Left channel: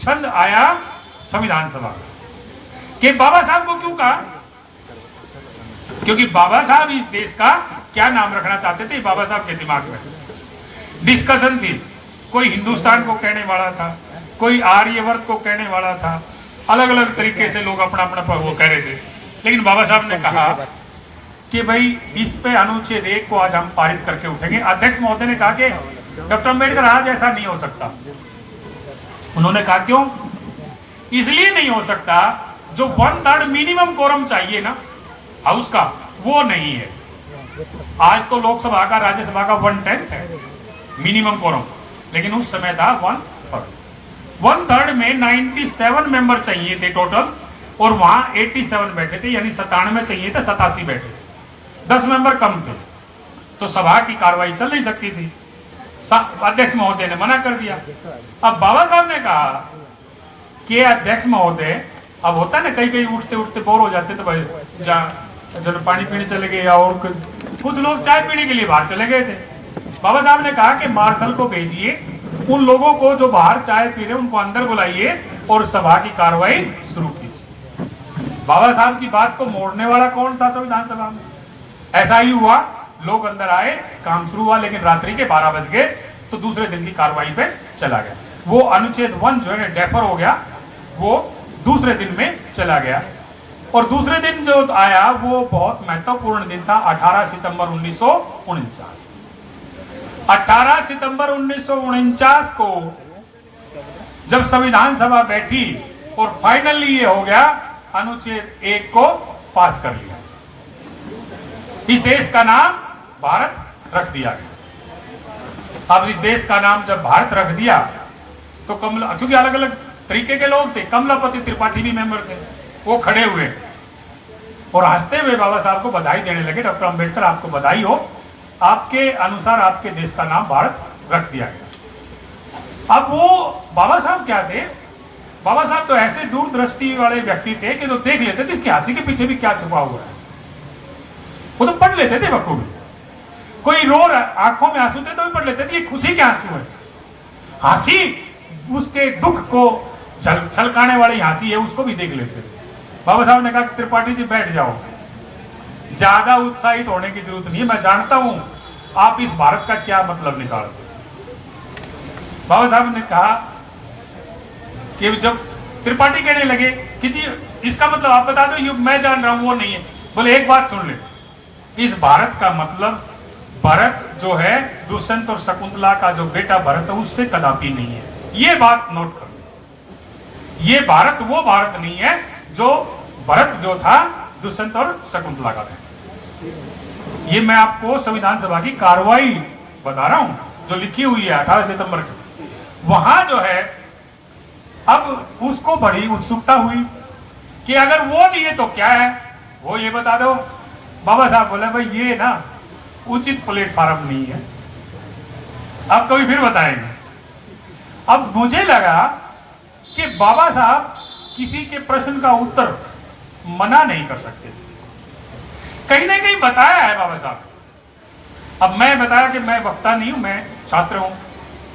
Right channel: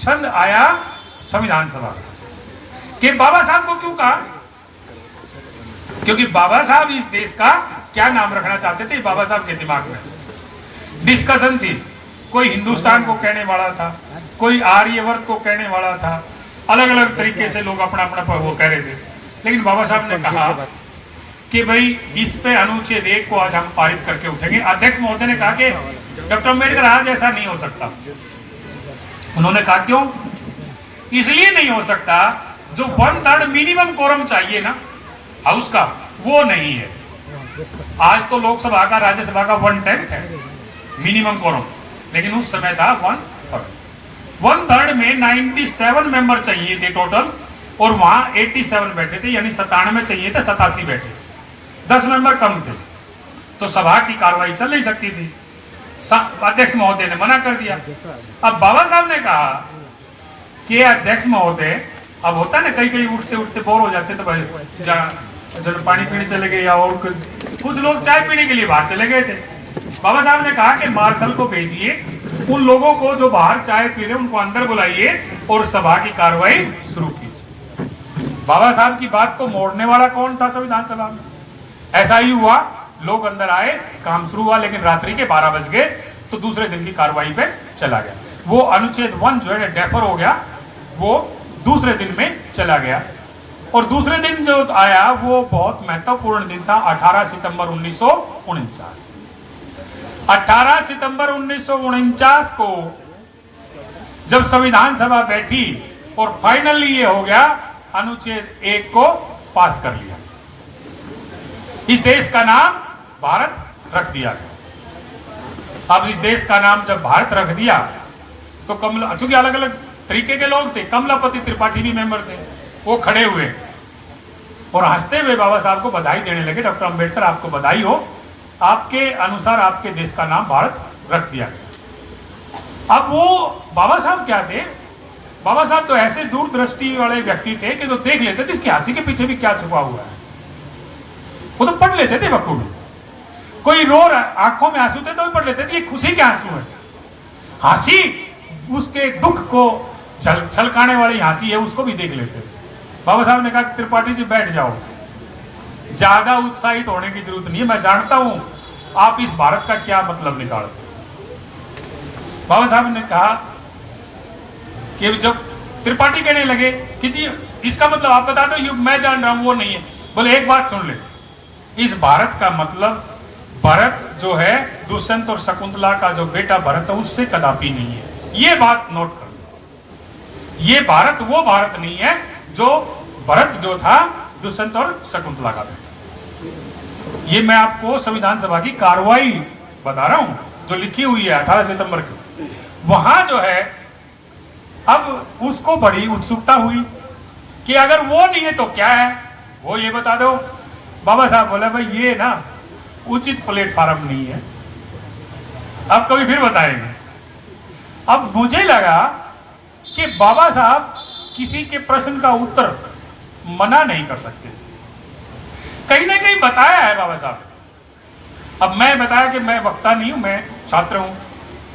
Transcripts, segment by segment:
छंद आया संविधान सभा कि बाबा साहब को क्यों कहा, क्योंकि बाबा साहब इस देश का क्या नाम रखना चाहते थे, बाबा साहब के दिमाग में डिस्कशन थी। कोई हिंदुस्तान को कहने वाला था, कोई आर्यवर्त को कहने वाला था, अलग अलग तरीके से लोग अपना अपना वो कह रहे थे। लेकिन बाबा साहब ने कहा कि भाई इस पे अनुच्छेद 1 को आज हम पारित करके उठेंगे। अध्यक्ष महोदय ने कहा कि डॉक्टर अम्बेडकर आज ऐसा नहीं हो सकता। उन्होंने कहा क्यों? इसलिए नहीं हो सकता, जो 1/3 मिनिमम कोरम चाहिए ना हाउस का, वो नहीं है। आज तो लोकसभा का राज्यसभा का 1/10 है मिनिमम कोरम, लेकिन उस समय था 1/3 में 97 मेंबर चाहिए थे टोटल, और वहां 87 बैठे थे, यानी 97 चाहिए थे, 87 बैठे, 10 मेंबर कम थे, तो सभा की कार्रवाई चल नहीं सकती थी। अध्यक्ष महोदय ने मना कर दिया। अब बाबा साहब ने कहा कि अध्यक्ष महोदय, अब होता है ना कई कई उठते उठते बोर हो जाते, तो भाई जन पानी पीने चले गए, या और कुछ लोग चाय पीने के लिए बाहर चले गए थे। बाबा साहब ने कहा कि मार्शल को भेजिए, उन लोगों को जो बाहर चाय पी रहे उनको अंदर बुलाइए और सभा की कार्रवाई शुरू की। बाबा साहब की बात को मोड़ने वाला कौन था संविधान सभा में? ऐसा ही हुआ, लोग अंदर आए, काम शुरू हुआ, लेकिन रात्रि के 12 बज गए तो दूसरे दिन की कार्रवाई पे चला गया। वो अनुच्छेद 1 जो है डेफर हो गया, वो दूसरे दिन में चला गया। और दूसरे दिन जो आया वो बहुत महत्वपूर्ण दिन था, 18 सितंबर 1949। 18 सितंबर 1949 को जब संविधान सभा बैठी और फाइनली ये हो गया, अनुच्छेद 1 को पास कर लिया, इस देश का नाम भारत रख दिया गया। अब इस देश का नाम जब भारत रख दिया तो क्योंकि अलग अलग तरीके के लोग थे, कमलापति त्रिपाठी भी मेंबर थे, वो खड़े हुए और हंसते हुए बाबा साहब को बधाई देने लगे। डॉक्टर अंबेडकर आपको बधाई हो, आपके अनुसार आपके देश का नाम भारत रख दिया गया। अब वो बाबा साहब क्या थे? बाबा साहब तो ऐसे दूरदृष्टि वाले व्यक्ति थे कि तो देख लेते थे इसकी हंसी के पीछे भी क्या छुपा हुआ है, वो तो पढ़ लेते थे बखूबी। कोई रो रहा, आंखों में आंसू थे तो भी पढ़ लेते थे ये खुशी के आंसू है, हंसी उसके दुख को छलकाने वाली हंसी है, उसको भी देख लेते थे। बाबा साहब ने कहा त्रिपाठी जी बैठ जाओ, ज्यादा उत्साहित होने की जरूरत नहीं है, मैं जानता हूं आप इस भारत का क्या मतलब निकालते। बाबा साहब ने कहा कि जब त्रिपाठी कहने लगे कि जी इसका मतलब आप बता दो, मैं जान रहा हूं वो नहीं है, बोले एक बात सुन ले, इस भारत का मतलब भरत जो है दुष्यंत और शकुंतला का जो बेटा भरत है उससे कदापि नहीं है। ये बात नोट कर लो, ये भारत वो भारत नहीं है जो भरत जो था दुष्यंत और शकुंतला का बेटा। ये मैं आपको संविधान सभा की कार्रवाई बता रहा हूं जो लिखी हुई है 18 सितंबर की। वहां जो है अब उसको बड़ी उत्सुकता हुई कि अगर वो नहीं है तो क्या है, वो ये बता दो। बाबा साहब बोले भाई ये ना उचित प्लेटफॉर्म नहीं है, अब कभी फिर बताएंगे। अब मुझे लगा कि बाबा साहब किसी के प्रश्न का उत्तर मना नहीं कर सकते, कहीं ना कहीं बताया है बाबा साहब। अब मैं बताया कि मैं वक्ता नहीं हूं, मैं छात्र हूं,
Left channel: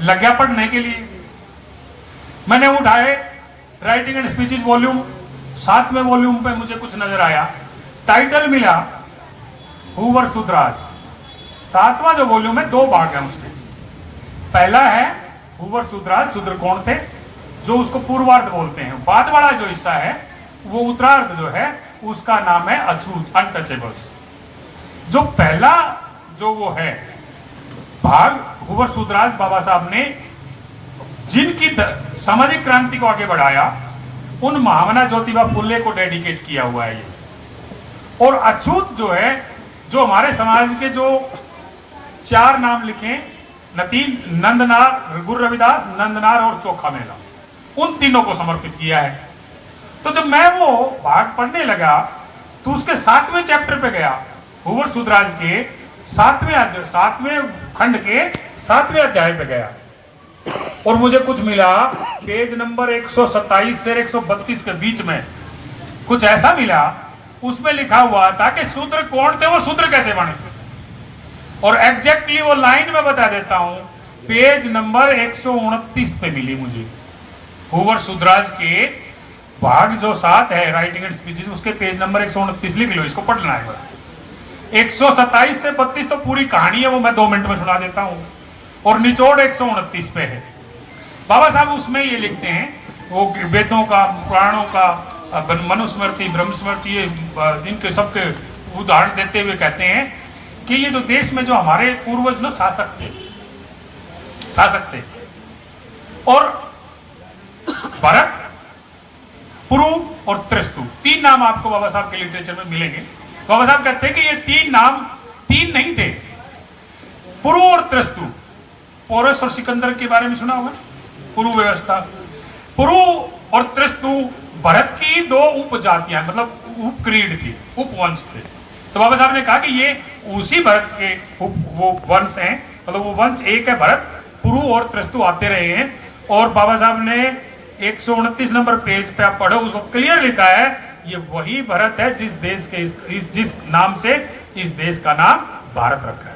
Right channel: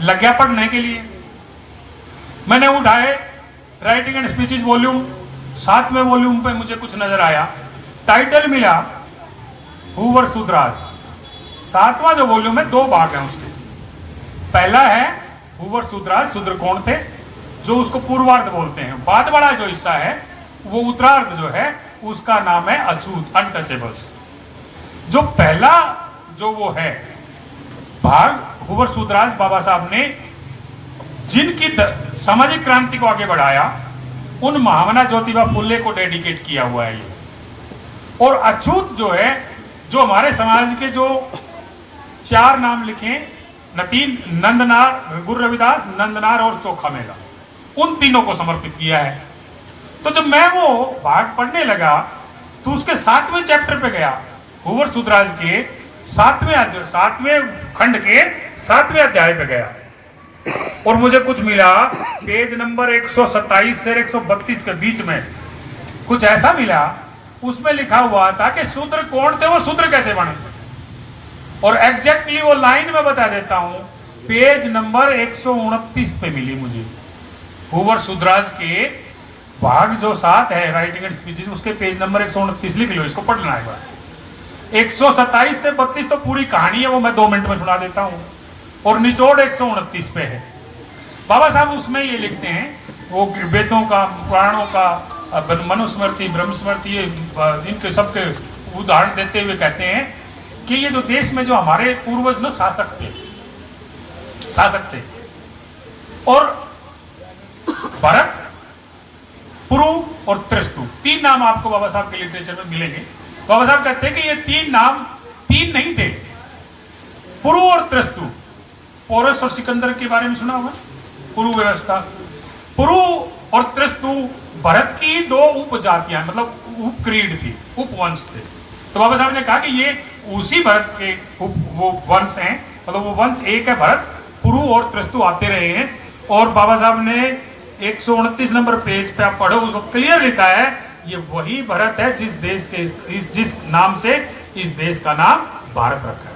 लग गया पढ़ने के लिए। मैंने उठाए राइटिंग एंड स्पीचेस वॉल्यूम, 7वें वॉल्यूम पे मुझे कुछ नजर आया, टाइटल मिला हूवर सुद्रास। 7वां जो वॉल्यूम है 2 भाग है उसके। पहला है हूवर सुद्रास, शूद्र कौन थे, जो उसको पूर्वार्ध बोलते हैं। बाद वाला जो हिस्सा है वो उत्तरार्ध जो है उसका नाम है अछूत, अनटचेबल्स। जो पहला जो वो है भाग हूवर सुद्रास, बाबा साहब ने जिनकी सामाजिक क्रांति को आगे बढ़ाया उन महामना ज्योतिबा फुले को डेडिकेट किया हुआ है ये। और अछूत जो है, जो हमारे समाज के जो 4 नाम लिखे, नतीन, नंदनार, गुरु रविदास, नंदनार और चोखा मेला, उन तीनों को समर्पित किया है। तो जब मैं वो भाग पढ़ने लगा तो उसके 7वें चैप्टर पे गया, हूवर सुद्रास के 7वें खंड के 7वें अध्याय पे गया और मुझे कुछ मिला पेज नंबर 127 से 132 के बीच में कुछ ऐसा मिला, उसमें लिखा हुआ था कि शूद्र कौन थे, वो शूद्र कैसे बने। और एग्जैक्टली वो लाइन में बता देता हूं, पेज नंबर 129 पे मिली मुझे। हूवर सुधराज के भाग जो 7 है राइटिंग एंड स्पीचेस, उसके पेज नंबर 129 लिख लो, इसको पढ़ना है। 127 से 32 तो पूरी कहानी है, वो मैं 2 मिनट में सुना देता हूं, और निचोड़ 129 पे है। बाबा साहब उसमें ये लिखते हैं, वो वेदों का, पुराणों का, मनुस्मृति, ब्रह्मस्मृति, इनके सबके उदाहरण देते हुए कहते हैं कि ये जो देश में जो हमारे पूर्वज न शासक थे, और भरत, पुरु और त्रिस्तु, 3 नाम आपको बाबा साहब के लिटरेचर में मिलेंगे। बाबा साहब कहते हैं कि ये 3 नाम 3 नहीं थे। पुरु और त्रिस्तु, पोरस और सिकंदर के बारे में सुना होगा, पुरु व्यवस्था। पुरु और त्रिस्तु भरत की 2 उपजातियां, मतलब उपक्रीड थी, उपवंश थे। तो बाबा साहब ने कहा कि ये उसी भरत के वो वंश हैं, मतलब वो वंश एक है भरत, पुरु और त्रिस्तु आते रहे हैं। और बाबा साहब ने 129 नंबर पेज पे आप पढ़ो, उसको क्लियर लिखा है, ये वही भरत है जिस देश के जिस नाम से इस देश का नाम भारत रखा है।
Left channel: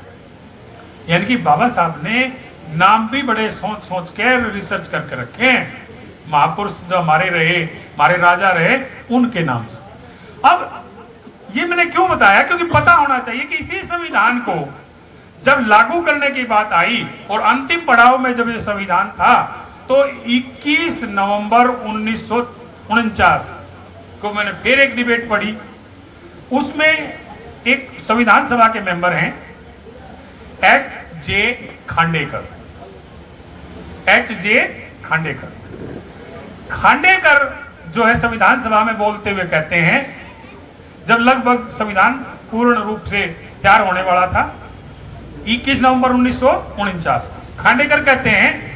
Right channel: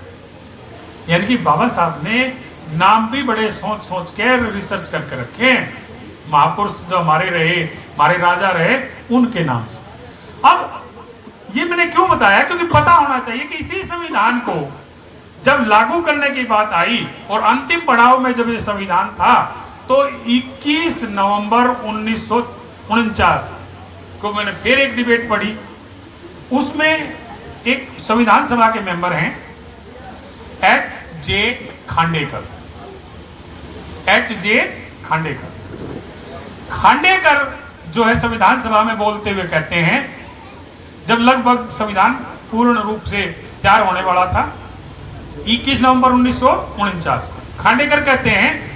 यानी कि बाबा साहब ने नाम भी बड़े सोच सोच के रिसर्च करके रखे हैं। महापुरुष जो हमारे रहे, हमारे राजा रहे, उनके नाम से। अब ये मैंने क्यों बताया, क्योंकि पता होना चाहिए कि इसी संविधान को जब लागू करने की बात आई और अंतिम पड़ाव में जब ये संविधान था, तो 21 नवंबर 1949 को मैंने फिर एक डिबेट पढ़ी। उसमें एक संविधान सभा के मेंबर हैं H.J. खांडेकर। खांडेकर जो है संविधान सभा में बोलते हुए कहते हैं, जब लगभग संविधान पूर्ण रूप से तैयार होने वाला था 21 नवंबर 1949 को, खांडेकर कहते हैं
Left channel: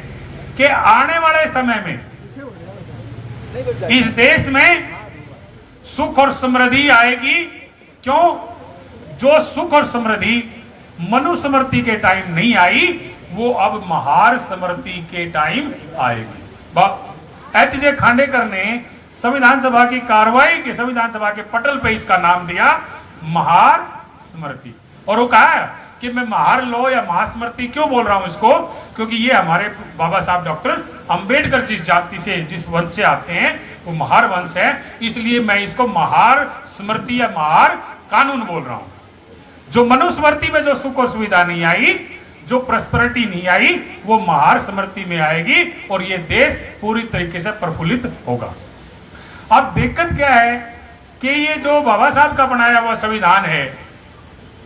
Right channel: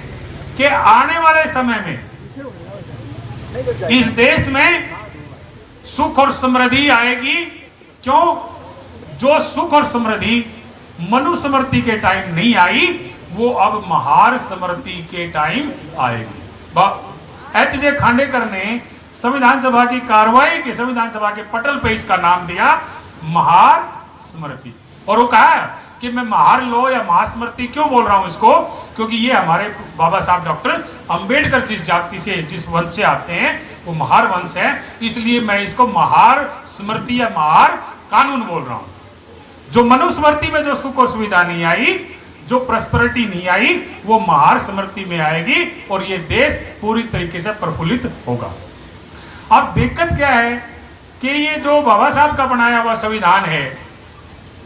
कि आने वाले समय में इस देश में सुख और समृद्धि आएगी। क्यों? जो सुख और समृद्धि मनुस्मृति के टाइम नहीं आई, वो अब महार स्मृति के टाइम आएगी। H.J. खांडेकर ने संविधान सभा की कार्रवाई के, संविधान सभा के पटल पे इसका नाम दिया महार स्मृति। और वो कहा कि मैं महार लो या महास्मृति क्यों बोल रहा हूं इसको, क्योंकि ये हमारे बाबा साहब डॉक्टर अंबेडकर जिस जाति से, जिस वंश से आते हैं, वो महार वंश है, इसलिए मैं इसको महार स्मृति या महार कानून बोल रहा हूं। जो मनुस्मृति में जो सुख और सुविधा नहीं आई, जो प्रॉस्पेरिटी नहीं आई, वो महार स्मृति में आएगी और ये देश पूरी तरीके से प्रफुल्लित होगा। अब दिक्कत क्या है कि ये जो बाबा साहब का बनाया हुआ संविधान है,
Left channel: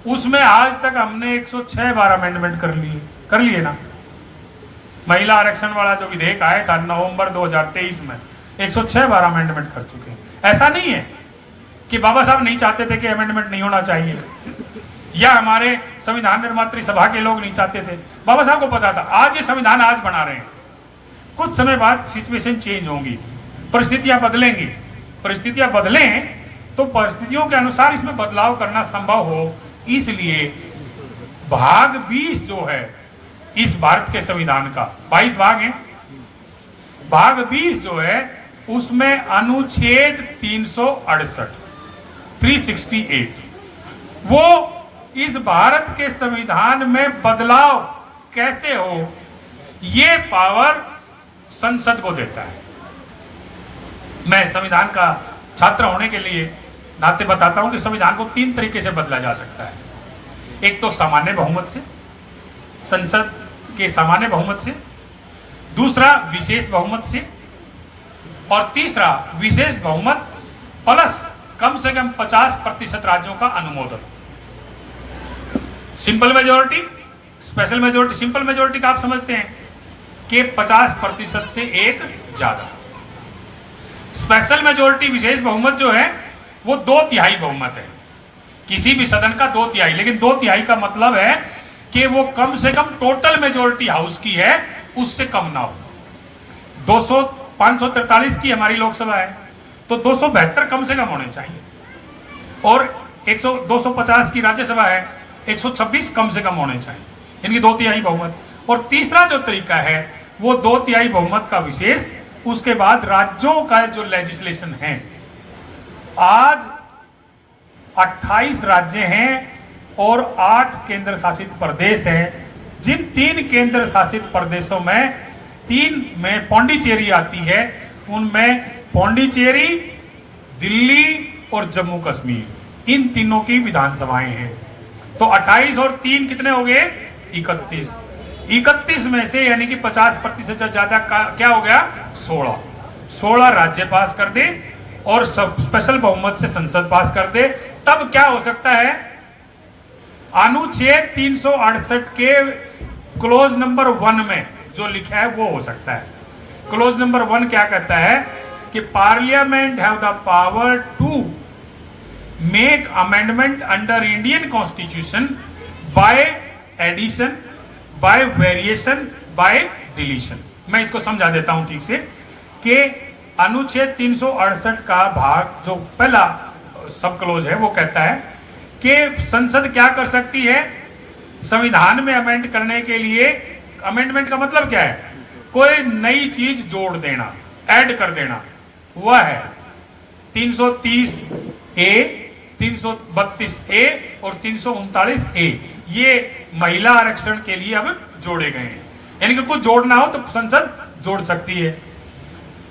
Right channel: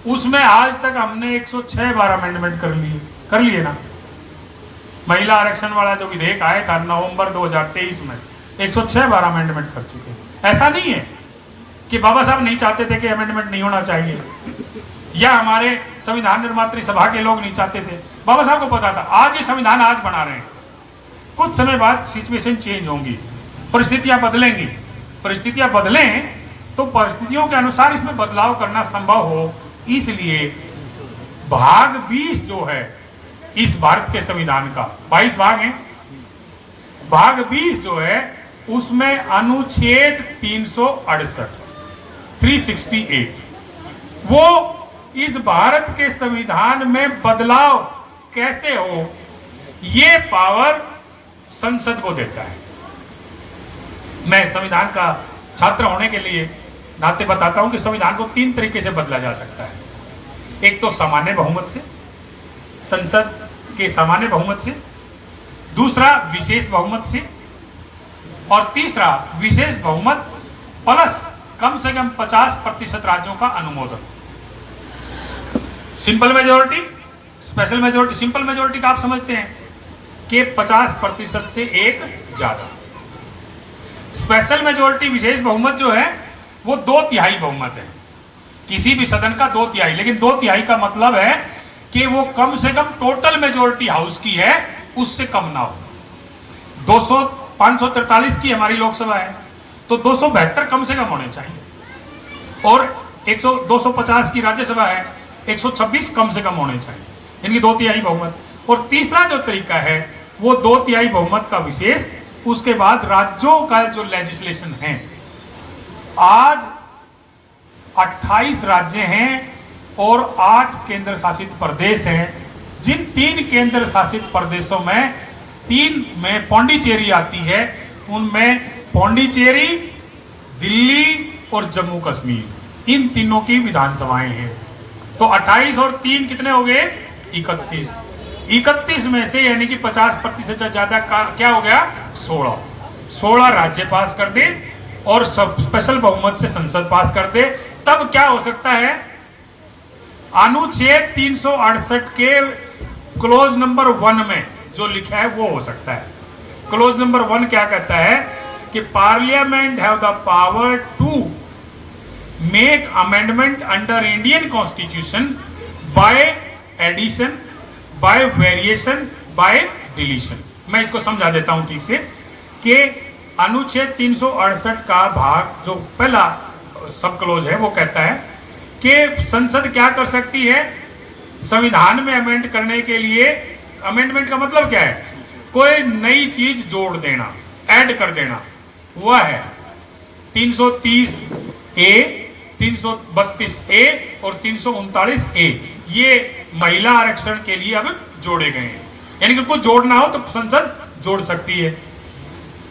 उसमें आज तक हमने 106 बार अमेंडमेंट कर लिए ना। महिला आरक्षण वाला जो विधेयक आया था नवंबर 2023 में, 106 बार अमेंडमेंट कर चुके हैं। ऐसा नहीं है कि बाबा साहब नहीं चाहते थे कि अमेंडमेंट नहीं होना चाहिए, या हमारे संविधान निर्मात्री सभा के लोग नहीं चाहते थे। बाबा साहब को पता था। आज ये संविधान आज बना रहे हैं, कुछ समय बाद सिचुएशन चेंज होंगी, परिस्थितियां बदलेंगी। परिस्थितियां बदलें तो परिस्थितियों के अनुसार इसमें बदलाव करना संभव हो, इसलिए भाग 20 जो है इस भारत के संविधान का, 22 भाग हैं, भाग 20 जो है उसमें अनुच्छेद 368 वो इस भारत के संविधान में बदलाव कैसे हो, ये पावर संसद को देता है। मैं संविधान का छात्र होने के लिए नाते बताता हूं कि संविधान को 3 तरीके से बदला जा सकता है। एक तो सामान्य बहुमत से, संसद के सामान्य बहुमत से, दूसरा विशेष बहुमत से, और तीसरा विशेष बहुमत प्लस कम से कम 50% राज्यों का अनुमोदन। Simple majority, special majority. Simple majority का आप समझते हैं कि 50% से एक ज्यादा। स्पेशल मेजोरिटी, विशेष बहुमत जो है वो 2/3 बहुमत है, किसी भी सदन का 2/3। लेकिन 2/3 का मतलब है कि वो कम से कम टोटल मेजोरिटी हाउस की है उससे कम ना हो। 543 की हमारी लोकसभा है, तो 272 कम से कम होने चाहिए, और 250 की राज्यसभा है, 126 कम से कम होने चाहिए, इनकी 2/3 बहुमत। और तीसरा जो तरीका है वो 2/3 बहुमत का विशेष, उसके बाद राज्यों का जो लेजिस्लेशन है। आज 28 राज्य हैं और 8 केंद्र शासित प्रदेश हैं, जिन 3 केंद्र शासित प्रदेशों में 3 में पौंडीचेरी आती है, उनमें पौंडीचेरी, दिल्ली और जम्मू कश्मीर, इन तीनों की विधानसभाएं हैं। तो 28 और 3 कितने हो गए? 31। 31 में से यानी कि 50% से ज्यादा क्या हो गया? 16 राज्य पास कर दे और सब स्पेशल बहुमत से संसद पास कर दे, तब क्या हो सकता है? अनुच्छेद 368 के क्लोज नंबर 1 में जो लिखा है वो हो सकता है। क्लोज नंबर 1 क्या कहता है कि parliament have the power to make amendment under Indian constitution by addition, by variation, by deletion. मैं इसको समझा देता हूं ठीक से कि अनुच्छेद 368 का भाग जो पहला सब क्लोज है वो कहता है कि संसद क्या कर सकती है? संविधान में अमेंड करने के लिए, अमेंडमेंट का मतलब क्या है? कोई नई चीज जोड़ देना, ऐड कर देना, वह है 330 ए, 332 ए और 339 ए। ये महिला आरक्षण के लिए अब जोड़े गए हैं, यानी कि कुछ जोड़ना हो तो संसद जोड़ सकती है।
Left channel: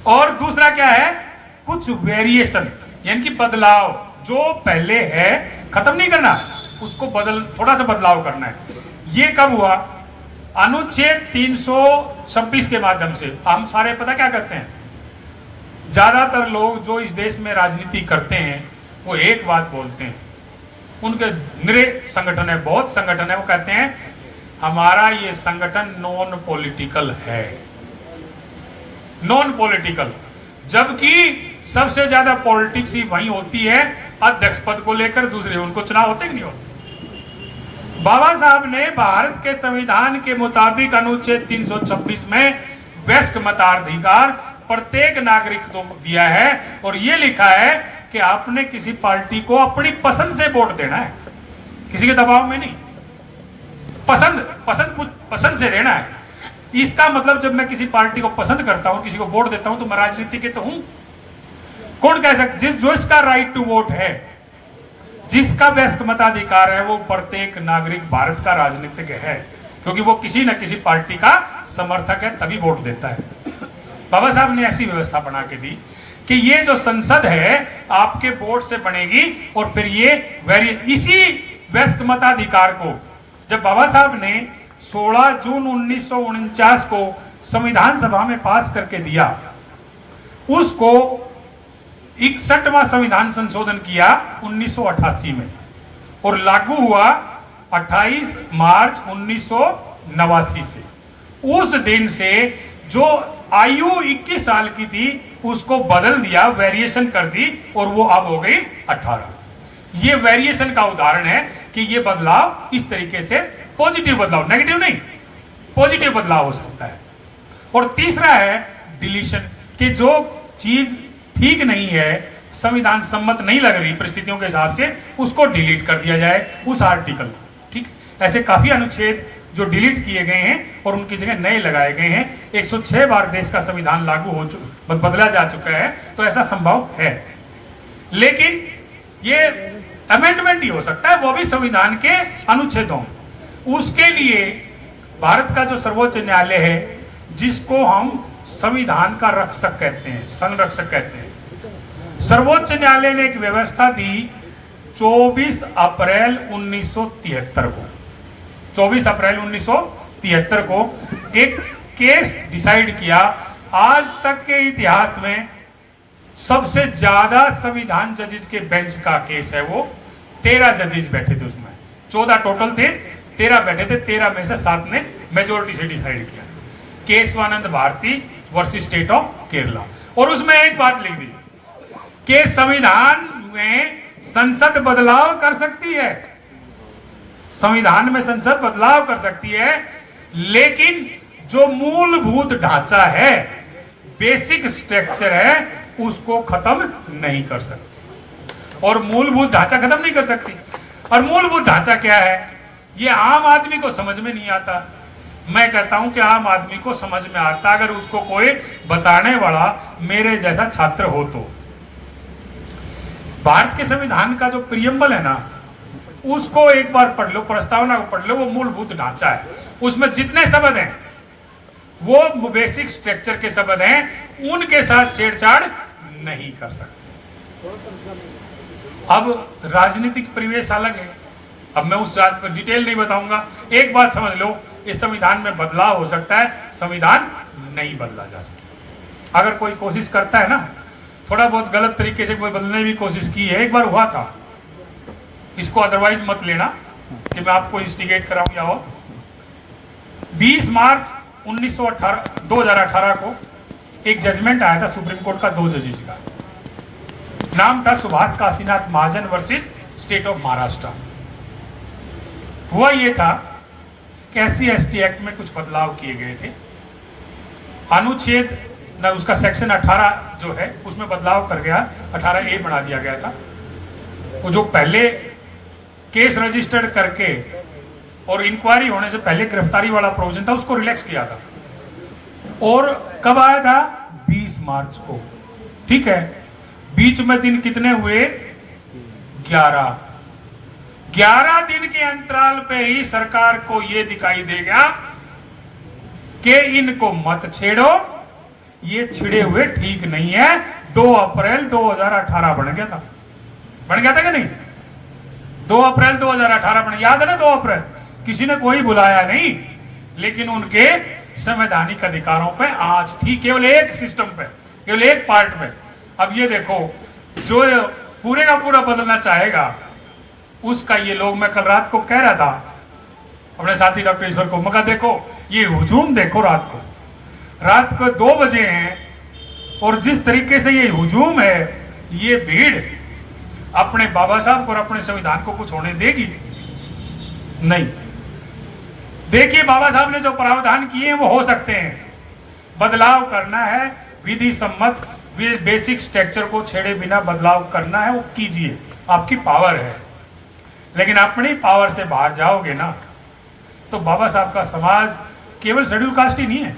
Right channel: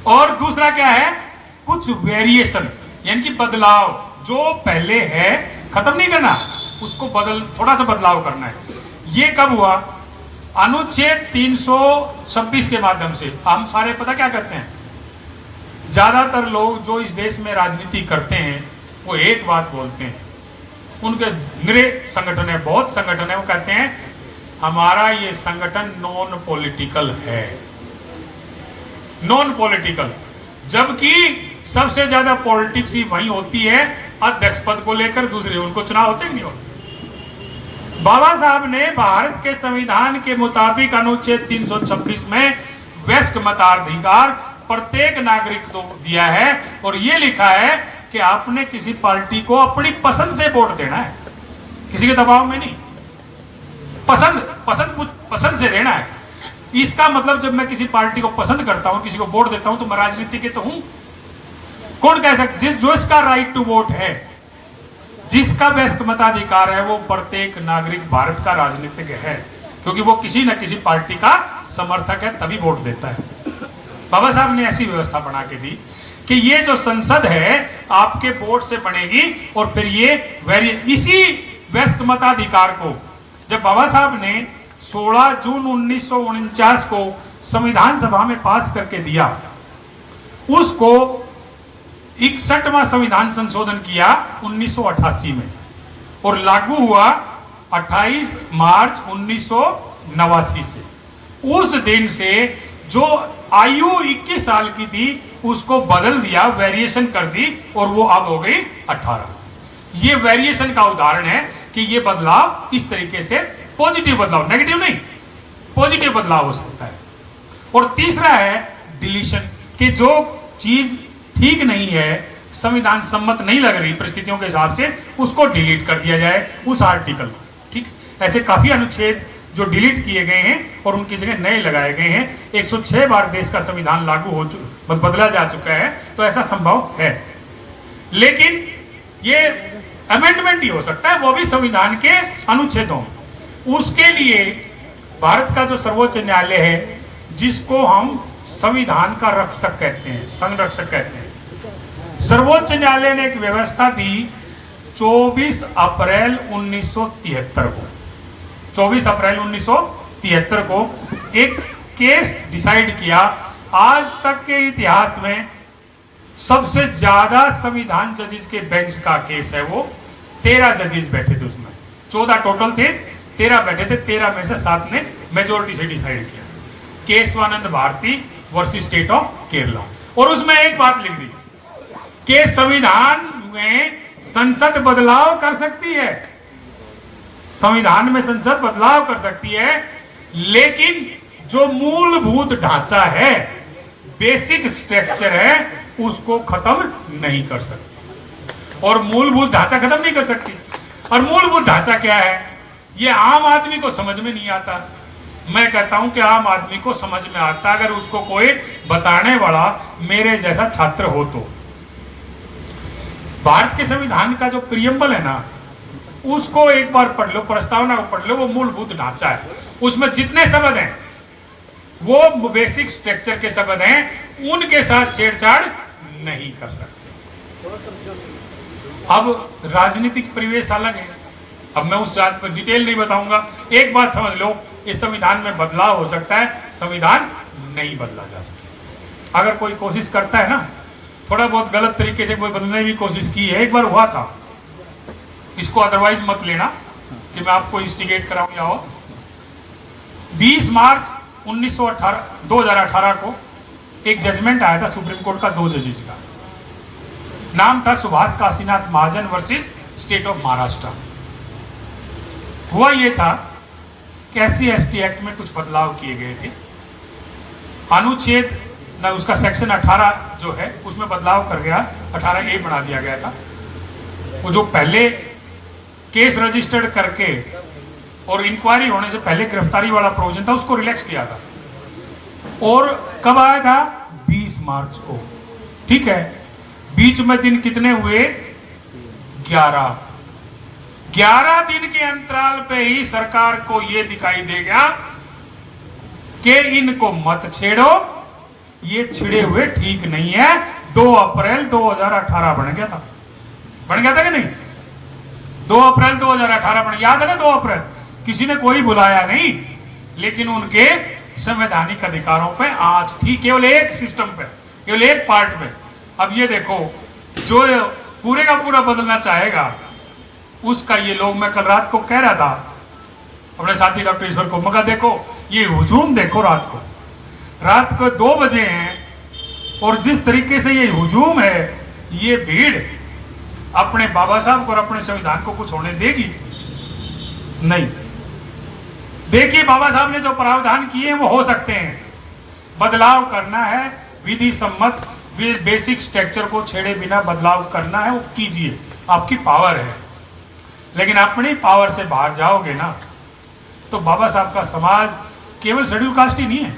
और दूसरा क्या है? कुछ वेरिएशन, यानी कि बदलाव, जो पहले है खत्म नहीं करना, उसको थोड़ा सा बदलाव करना है। ये कब हुआ? अनुच्छेद 326 के माध्यम से। हम सारे पता क्या करते हैं, ज्यादातर लोग जो इस देश में राजनीति करते हैं वो एक बात बोलते हैं, उनके निरे संगठन है, बहुत संगठन है, वो कहते हैं हमारा ये संगठन नॉन पॉलिटिकल है, नॉन पॉलिटिकल। जबकि सबसे ज्यादा पॉलिटिक्स ही वही होती है अध्यक्ष पद को लेकर, दूसरे उनको चुनाव होते नहीं होते। बाबा साहब ने भारत के संविधान के मुताबिक अनुच्छेद 326 में वयस्क मताधिकार प्रत्येक नागरिक को दिया है और ये लिखा है कि आपने किसी पार्टी को अपनी पसंद से वोट देना है, किसी के दबाव में नहीं, पसंद से देना है। इसका मतलब जब मैं किसी पार्टी को पसंद करता हूं, किसी को वोट देता हूं, तो मैं राजनीति के तो हूं। कौन कह सकता? जो इसका राइट टू वोट है, जिसका वयस्क मताधिकार है, वो प्रत्येक नागरिक भारत का राजनीतिक है, क्योंकि वो किसी न किसी पार्टी का समर्थक है, तभी वोट देता है। बाबा साहब ने ऐसी व्यवस्था बना के दी कि ये जो संसद है आपके वोट से बनेगी और फिर ये इसी वयस्क मताधिकार को जब बाबा साहब ने 16 जून 1949 को संविधान सभा में पास करके दिया, उसको 61वां संविधान संशोधन किया 1988 में और लागू हुआ 28 मार्च 1989 से। उस दिन से जो आयु 21 साल की थी उसको बदल दिया, वेरिएशन कर दी और वो अब हो गई 18। ये वेरिएशन का उदाहरण है कि ये बदलाव इस तरीके से पॉजिटिव बदलाव, नेगेटिव नहीं, पॉजिटिव बदलाव हो सकता है। और तीसरा है डिलीशन, कि जो चीज ठीक नहीं है, संविधान सम्मत नहीं लग रही परिस्थितियों के हिसाब से, उसको डिलीट कर दिया जाए उस आर्टिकल को। ठीक, ऐसे काफी अनुच्छेद जो डिलीट किए गए हैं और उनकी जगह नए लगाए गए हैं। 106 बार देश का संविधान लागू हो बदला जा चुका है, तो ऐसा संभव है। लेकिन ये अमेंडमेंट ही हो सकता है, वो भी संविधान के अनुच्छेदों। उसके लिए भारत का जो सर्वोच्च न्यायालय है, जिसको हम संविधान का रक्षक कहते हैं, संरक्षक कहते हैं, सर्वोच्च न्यायालय ने एक व्यवस्था दी 24 अप्रैल 1973 को। 24 अप्रैल 1973 को एक केस डिसाइड किया। आज तक के इतिहास में सबसे ज्यादा संविधान जजेस के बेंच का केस है वो। 13 जजेस बैठे थे उसमें, 14 टोटल थे, 13 बैठे थे, 13 में से 7 ने मेजोरिटी से डिसाइड किया। Kesavananda Bharati versus state of Kerala. और उसमें एक बात लिख दी कि संविधान में संसद बदलाव कर सकती है, संविधान में संसद बदलाव कर सकती है, लेकिन जो मूलभूत ढांचा है, बेसिक स्ट्रक्चर है, उसको खत्म नहीं कर सकती। और मूलभूत ढांचा खत्म नहीं कर सकती। और मूलभूत ढांचा क्या है, ये आम आदमी को समझ में नहीं आता। मैं कहता हूं कि आम आदमी को समझ में आता अगर उसको कोई बताने वाला मेरे जैसा छात्र हो तो। भारत के संविधान का जो प्रियम्बल है ना, उसको एक बार पढ़ लो, प्रस्तावना को पढ़ लो, वो मूलभूत ढांचा है। उसमें जितने शब्द हैं वो बेसिक स्ट्रक्चर के शब्द हैं, उनके साथ छेड़छाड़ नहीं कर सकते। अब राजनीतिक परिवेश अलग है, अब मैं उस बात पर डिटेल नहीं बताऊंगा। एक बात समझ लो, इस संविधान में बदलाव हो सकता है, संविधान नहीं बदला जा सकता। अगर कोई कोशिश करता है ना, थोड़ा बहुत गलत तरीके से कोई बदलने की कोशिश की है, एक बार हुआ था, इसको अदरवाइज मत लेना कि मैं आपको इंस्टिगेट कराऊं या हो। 20 मार्च 2018 को एक जजमेंट आया था सुप्रीम कोर्ट का, 2 जजेस का। नाम था सुभाष काशीनाथ महाजन वर्सेस स्टेट ऑफ महाराष्ट्र। हुआ ये था कि SC/ST एक्ट में कुछ बदलाव किए गए थे। अनुच्छेद न उसका सेक्शन 18 जो है उसमें बदलाव कर गया, 18A बना दिया गया था। वो जो पहले केस रजिस्टर्ड करके और इंक्वायरी होने से पहले गिरफ्तारी वाला प्रोविजन था, उसको रिलैक्स किया था। और कब आया था? 20 मार्च को। ठीक है, बीच में दिन कितने हुए? 11 दिन के अंतराल पे ही सरकार को यह दिखाई देगा कि इनको मत छेड़ो, ये छिड़े हुए ठीक नहीं है। 2 अप्रैल 2018 बन गया था कि नहीं? 2 अप्रैल 2018 बन, याद है ना? 2 अप्रैल किसी ने कोई बुलाया नहीं, लेकिन उनके संवैधानिक अधिकारों पे आंच थी, केवल एक सिस्टम पे, केवल एक पार्ट में। अब ये देखो, जो पूरे का पूरा बदलना चाहेगा उसका ये लोग, मैं कल रात को कह रहा था अपने साथी डॉक्टर ईश्वर को, मगर देखो ये हुजूम देखो, रात को 2 बजे हैं और जिस तरीके से ये हुजूम है, ये भीड़ अपने बाबा साहब को और अपने संविधान को कुछ होने देगी नहीं। देखिए, बाबा साहब ने जो प्रावधान किए वो हो सकते हैं, बदलाव करना है, विधि सम्मत बेसिक स्ट्रक्चर को छेड़े बिना बदलाव करना है, वो कीजिए, आपकी पावर है। लेकिन अपनी पावर से बाहर जाओगे ना, तो बाबा साहब का समाज केवल शेड्यूल कास्ट ही नहीं है,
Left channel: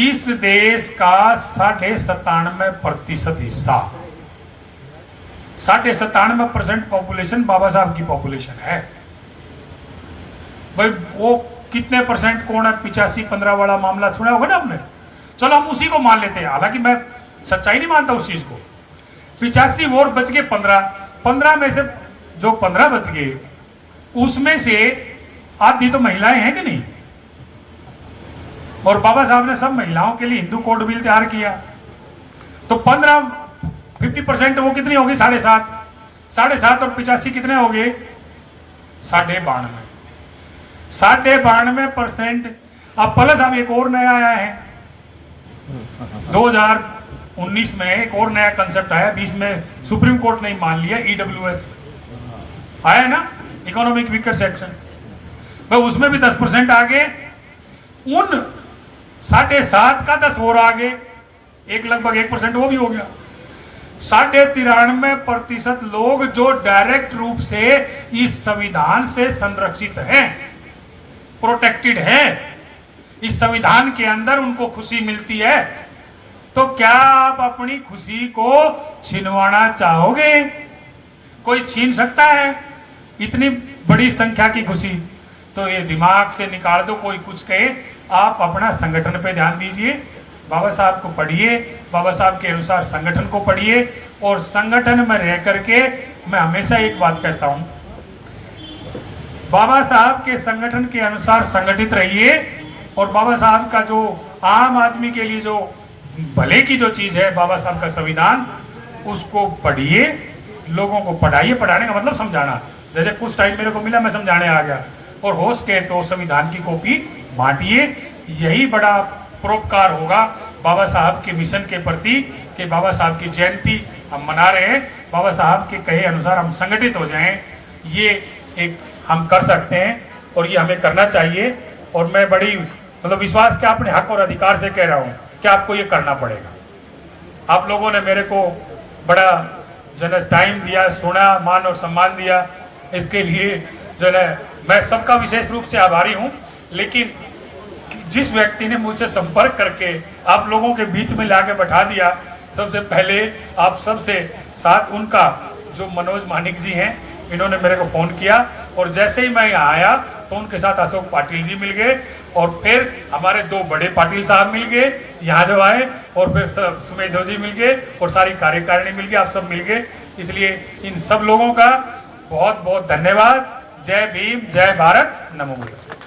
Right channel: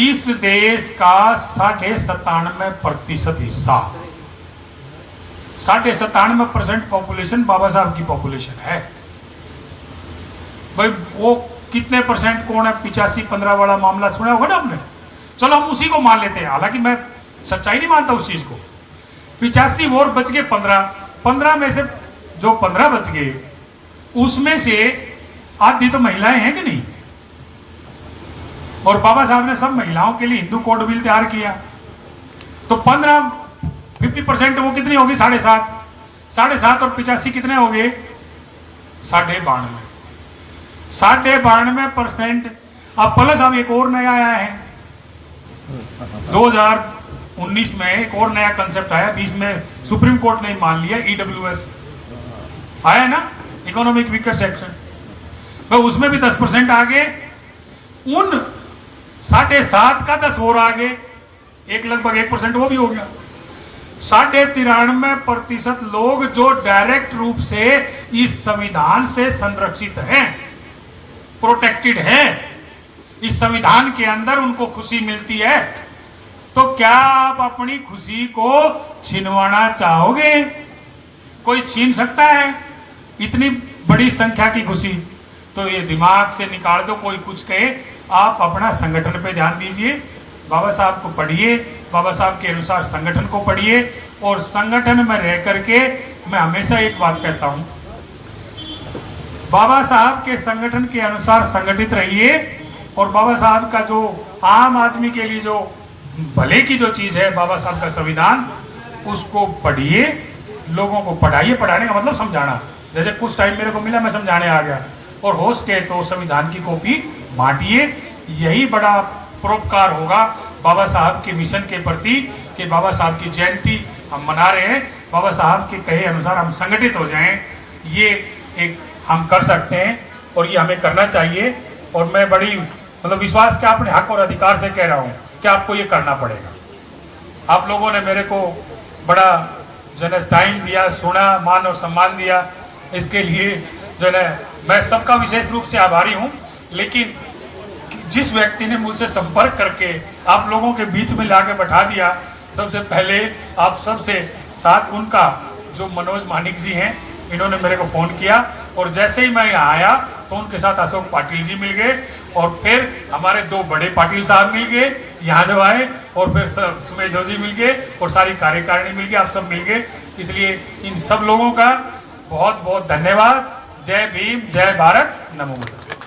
इस देश का 97.5% हिस्सा, 97.5% पॉपुलेशन बाबा साहब की पॉपुलेशन है। भाई वो कितने परसेंट कौन है? 85-15 वाला मामला सुना होगा ना आपने। चलो हम उसी को मान लेते हैं, हालांकि मैं सच्चाई नहीं मानता उस चीज को। 85 वोट बच गए, 15 में से जो 15 बच गए उसमें से आधी तो महिलाएं हैं कि नहीं? और बाबा साहब ने सब महिलाओं के लिए हिंदू कोड बिल तैयार किया, तो 50% वो कितनी होगी? 7.5 और 85 कितने हो गए? 92.5%। अब प्लस अब एक और नया आया है, 2019 में एक और नया कंसेप्ट आया, 20 में सुप्रीम कोर्ट ने मान लिया, EWS आया है ना, इकोनॉमिक वीकर सेक्शन। तो उसमें भी 10% आगे, उन 7.5 का 10 और आगे, एक लगभग 1% वो भी हो गया। 93% लोग जो डायरेक्ट रूप से इस संविधान से संरक्षित हैं, प्रोटेक्टेड है, इस संविधान के अंदर उनको खुशी मिलती है। तो क्या आप अपनी खुशी को छीनवाना चाहोगे? कोई छीन सकता है इतनी बड़ी संख्या की खुशी? तो ये दिमाग से निकाल दो, कोई कुछ कहे। आप अपना संगठन पे ध्यान दीजिए, बाबा साहब को पढ़िए, बाबा साहब के अनुसार संगठन को पढ़िए, और संगठन में रह करके मैं हमेशा एक बात कहता हूं, बाबा साहब के संगठन के अनुसार संगठित रहिए, और बाबा साहब का जो आम आदमी के लिए जो भले की जो चीज है, बाबा साहब का संविधान, उसको पढ़िए, लोगों को पढ़ाइए। पढ़ाने का मतलब समझाना, जैसे कुछ टाइम मेरे को मिला मैं समझाने आ गया, और हो सके तो संविधान की कॉपी बांटिए। यही बड़ा परोपकार होगा बाबा साहब के मिशन के प्रति, कि बाबा साहब की जयंती हम मना रहे हैं, बाबा साहब के कहे अनुसार हम संगठित हो जाएं। ये एक हम कर सकते हैं और ये हमें करना चाहिए। और मैं बड़ी मतलब विश्वास के अपने हक और अधिकार से कह रहा हूँ कि आपको ये करना पड़ेगा। आप लोगों ने मेरे को बड़ा जो है टाइम दिया, सुना, मान और सम्मान दिया, इसके लिए जो है मैं सबका विशेष रूप से आभारी हूँ। लेकिन जिस व्यक्ति ने मुझसे संपर्क करके आप लोगों के बीच में लाके बैठा दिया, सबसे पहले आप सबसे साथ उनका जो मनोज मानिक जी हैं, इन्होंने मेरे को फोन किया, और जैसे ही मैं यहाँ आया तो उनके साथ अशोक पाटिल जी मिल गए, और फिर हमारे दो बड़े पाटिल साहब मिल गए यहाँ जो आए, और फिर सुमेधो जी मिल गए, और सारी कार्यकारिणी मिल गई, आप सब मिल गए। इसलिए इन सब लोगों का बहुत बहुत धन्यवाद। जय भीम, जय भारत, नमो बुद्धाय।